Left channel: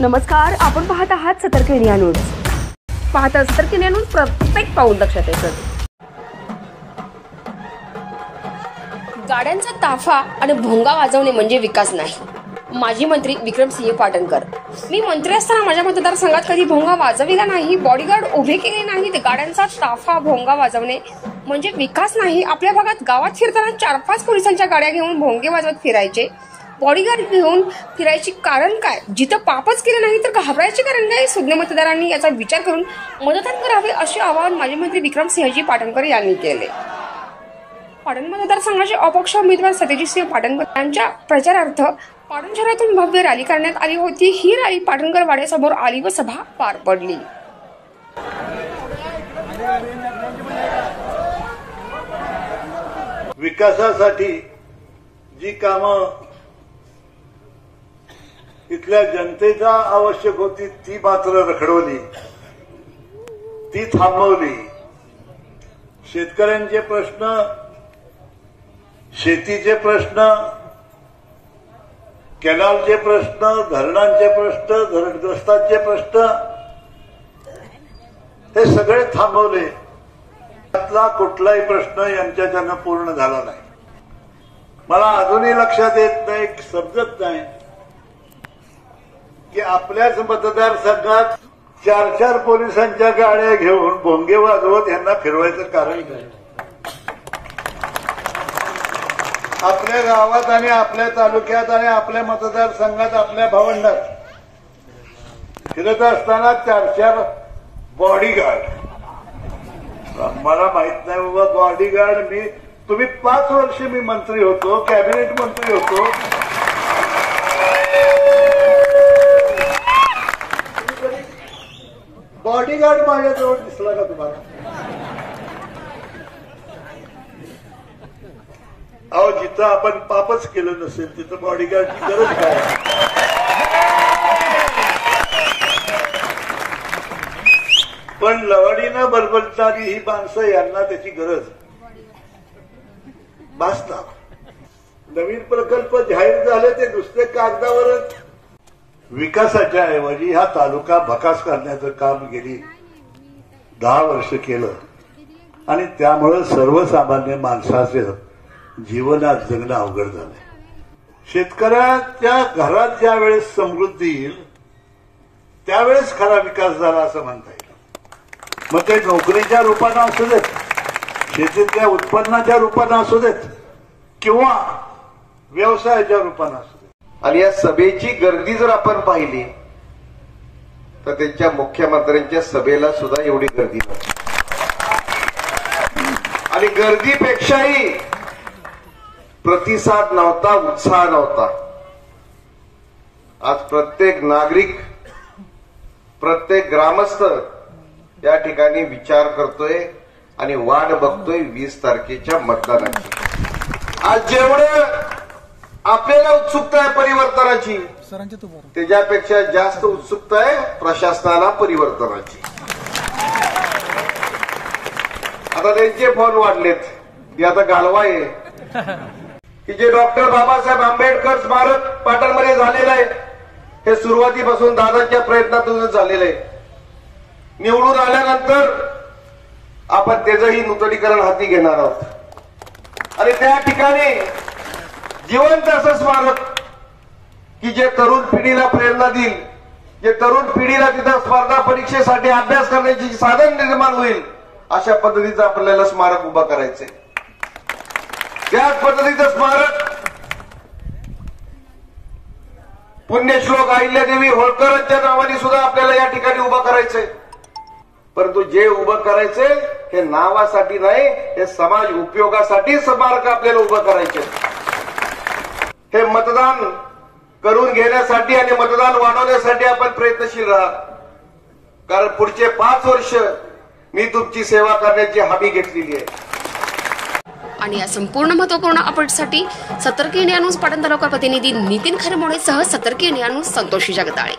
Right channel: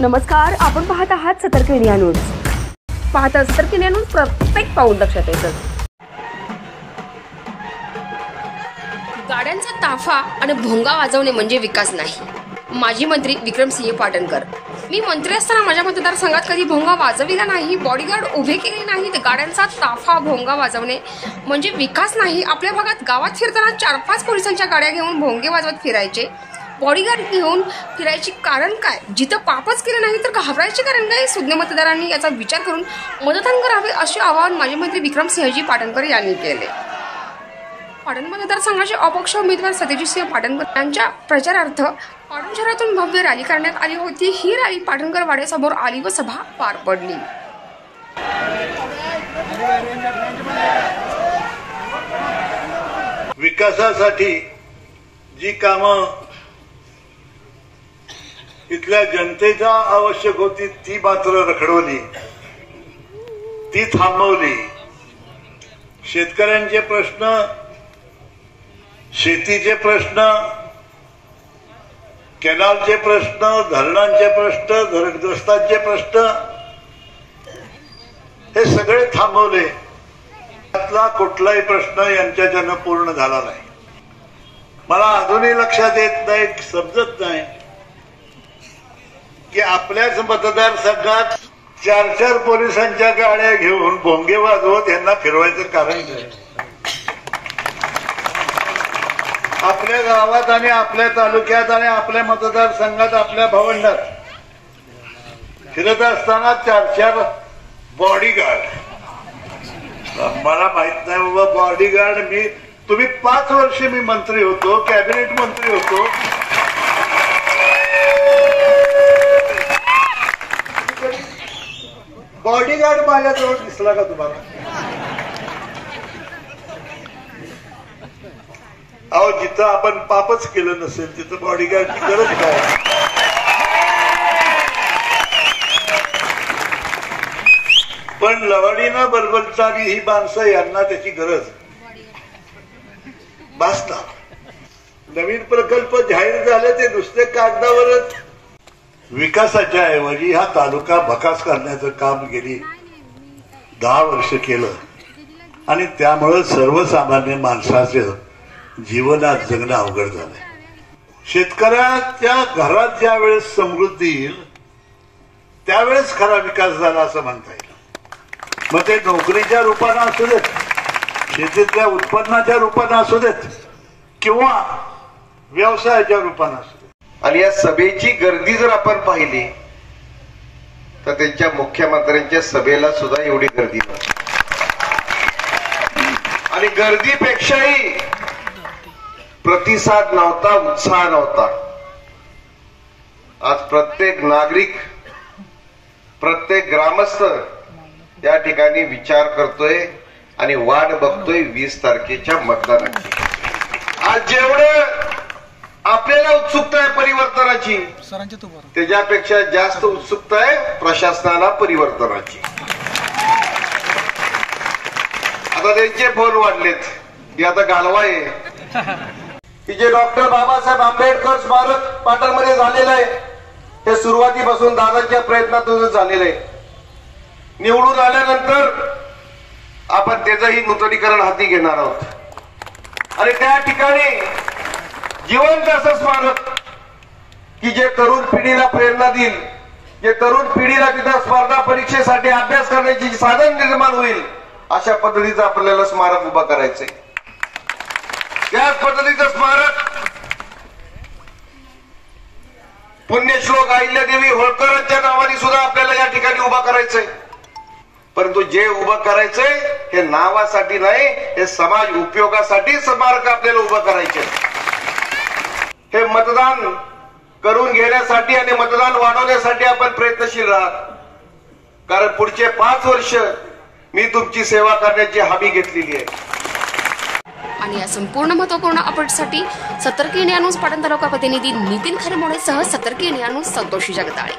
नमस्कार, आपण पाहत आहात सतर्क इंडिया न्यूज. पाहता सतर्क इंडिया न्यूज, प्रत्येक पाऊल लक्षात येतं. गाड्यांचा ताफा आणि भोंगा वाजवणे म्हणजे विकास नाही. माजी मंत्री विक्रमसिंह पाटणकर. मी मंत्री असताना माझ्या मतदारसंघात कधी भोंगा वाजविला नाही, बॉडीगार्ड उभे केले नाहीत. गाड्यांचा ताफा भोंगा वाजवणे म्हणजे विकास नाही. आपल्या भागात गावात फिरताना 4-5 पोलिसांच्या गाड्या घेऊन भोंगे वाजवत फिरायचे. बॉडीगार्ड घेऊन फिरायचे कारण काय? जिथं पापच केले नाही तर घाबरायचे कारण काय? सुज्ञ मतदारांनी याचा विचार करून मतदान करावे असे आवाहन माजी मंत्री विक्रमसिंहजी पाटणकर यांनी केले. पाटण मतदारसंघाचे अपक्ष उमेदवार सत्यजितसिंह पाटणकर यांच्या प्रचारार्थ पाटण शहरातून भव्य रॅली करण्यात आली होती. ही रॅली पाटणकर वाड्यासमोर आली व सभा पार पडली. विकासासाठी जी कामं इथल्या जनतेचा आवश्यक होती ती मात्र रखडवली, ती थांबवली. शेतकऱ्यांचे प्रश्न, शेतीचे प्रश्न, कॅनलचे प्रश्न, धरणांचे प्रश्न, धरणग्रस्तांचे प्रश्न हे सगळे थांबवले. त्यातला कुठलाही प्रश्न यांच्याच्यानं पूर्ण झाला नाही. मला अजूनही लक्षात येत नाही, समजत नाही की आपल्याच मतदारसंघात 4-4 पोलिसांच्या गाड्या घेऊन भोंगे वाजवत यांना फिरवायचं कारण काय? आपल्या गावात आणि आपल्या तालुक्यात आणि आपल्या मतदारसंघात आपल्या भावंडात फिरत असताना 4-4 बॉडीगार्ड. मला माहित नाही बाबा, बॉडीगार्ड तुम्ही 5 वर्ष मी मंत्री होतो, कॅबिनेट मंत्री होतो. बॉडीगार्ड माझ्याजवळ दिसला का तुम्हाला? अहो, जिथं आपण पापच केलं नसेल तिथं बॉडीगार्डची गरज काय? पण लवडीनं बरबरणारी ही माणसं, यांना त्याची गरज भासतात. नवीन प्रकल्प जाहीर झाले ते नुसते कागदावरच. विकासाच्या ऐवजी हा तालुका भकास करण्याचं काम गेली 10 वर्ष केलं आणि त्यामुळं सर्वसामान्य माणसाचं जीवनात जगणं अवघड झालंय. शेतकऱ्याच्या घरात ज्या वेळेस समृद्धी येईल त्यावेळेस खरा विकास झाला असं म्हणता येईल. मग ते नोकरीच्या रूपानं असू देत, शेतीतल्या उत्पन्नाच्या रूपानं असू देत किंवा व्यवसायाच्या रूपानं असू देत. आणि या सभेची गर्दी जर आपण पाहिली तर त्यांच्या मुख्यमंत्र्यांच्या सभेला सुद्धा एवढी गर्दी नव्हती. आणि गर्दीपेक्षाही प्रतिसाद नव्हता, उत्साह नव्हता. आज प्रत्येक नागरिक, प्रत्येक ग्रामस्थ या ठिकाणी विचार करतोय आणि वाट बघतोय 20 तारखेच्या मतदानाची. आज जेवढं आपल्याला उत्सुकता आहे परिवर्तनाची, त्याच्यापेक्षा जास्त उत्सुकता आहे प्रशासनाला परिवर्तनाची. आता त्यांचे फोन वाढलेत की आता घालवा आहे की जे डॉक्टर बाबासाहेब आंबेडकर स्मारक पाटणमध्ये झालेलं आहे हे सुरुवातीपासून दादांच्या प्रयत्नातून झालेलं आहे. निवडून आल्यानंतर आपण त्याचंही नूतनीकरण हाती घेणार आहोत आणि त्या ठिकाणी जिवंत असं स्मारक की जे तरुण पिढीला प्रेरणा देईल, जे तरुण पिढीला तिथं स्पर्धा परीक्षेसाठी अभ्यास करण्याची साधन निर्माण होईल, अशा पद्धतीचं आपल्याला स्मारक उभा करायचंय. त्याच पद्धतीचं स्मारक पुण्यश्लोक अहिल्यादेवी होळकरांच्या नावाने सुद्धा आपल्याला या ठिकाणी उभा करायचंय. परंतु जे उभं करायचंय हे नावासाठी नाही, हे समाज उपयोगासाठी स्मारक आपल्याला उभं करायचंय. हे मतदान करून घेण्यासाठी आणि मतदान वाढवण्यासाठी आपण प्रयत्नशील राहा. कारण पुढचे 5 वर्ष मी तुमची सेवा करण्याची हमी घेतलेली आहे. आणि या संपूर्ण महत्त्वपूर्ण अपडेटसाठी सतर्क इंडिया न्यूज पाटण तालुका प्रतिनिधी नितीन खरमोडेसह सतर्क इंडिया न्यूज संतोषी जगदाळे.